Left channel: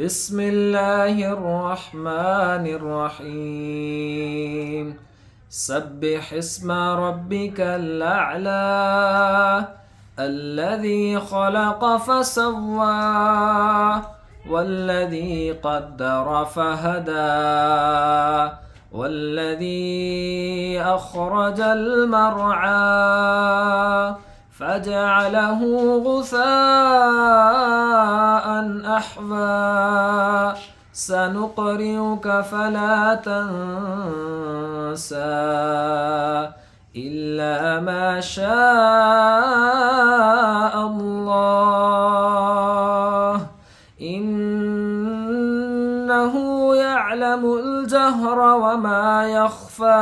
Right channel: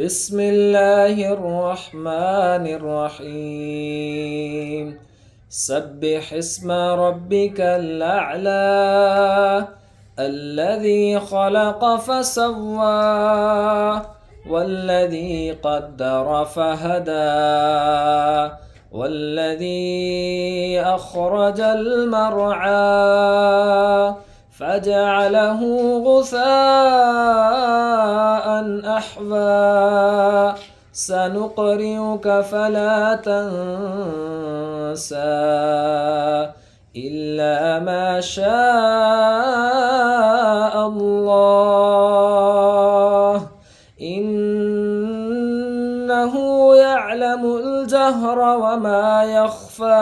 بسم الله الرحمن الرحيم سبح اسم ربك الأعلى الذي خلق فسوى والذي قدر فهدى والذي أخرج المرعى فجعله غثاء أحوى سنقرئك فلا تنسى إلا ما شاء الله إنه يعلم الجهر وما يخفى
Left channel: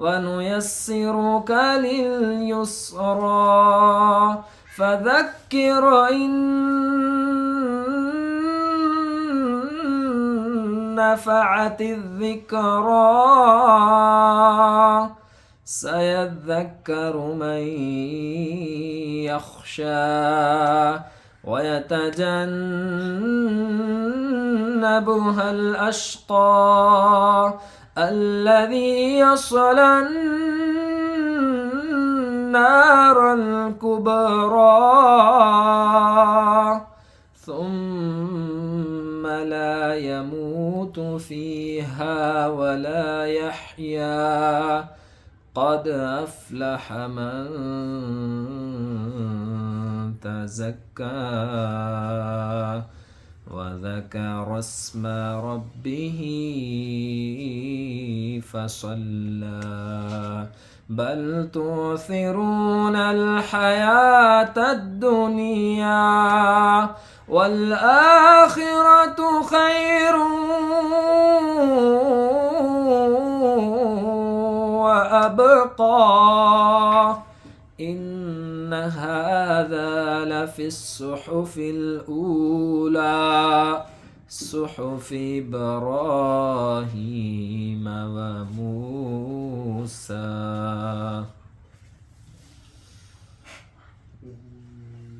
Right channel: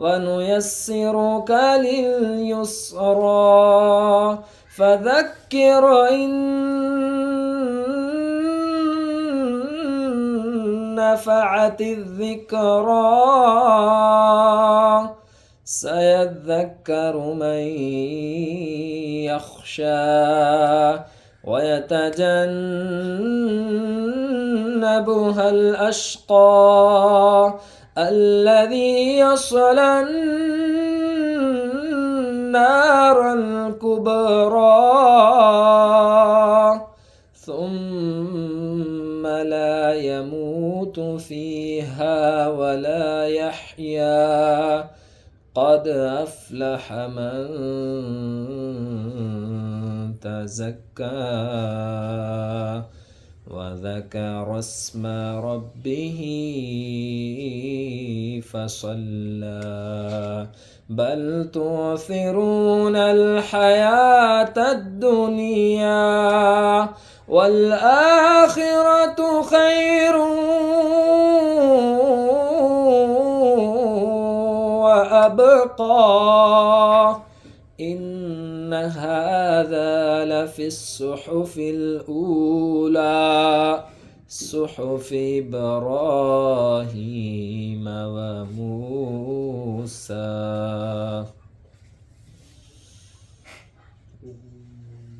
ونيسرك لليسرى فذكر إن نفعت الذكرى سيذكر من يخشى ويتجنبها الأشقى الذي يصلى النار الكبرى ثم لا يموت فيها ولا يحيا قد أفلح من تزكى وذكر اسم ربه فصلى بل تؤثرون الحياة الدنيا والآخرة خير وأبقى إن هذا لفي الصحف الأولى صحف إبراهيم وموسى.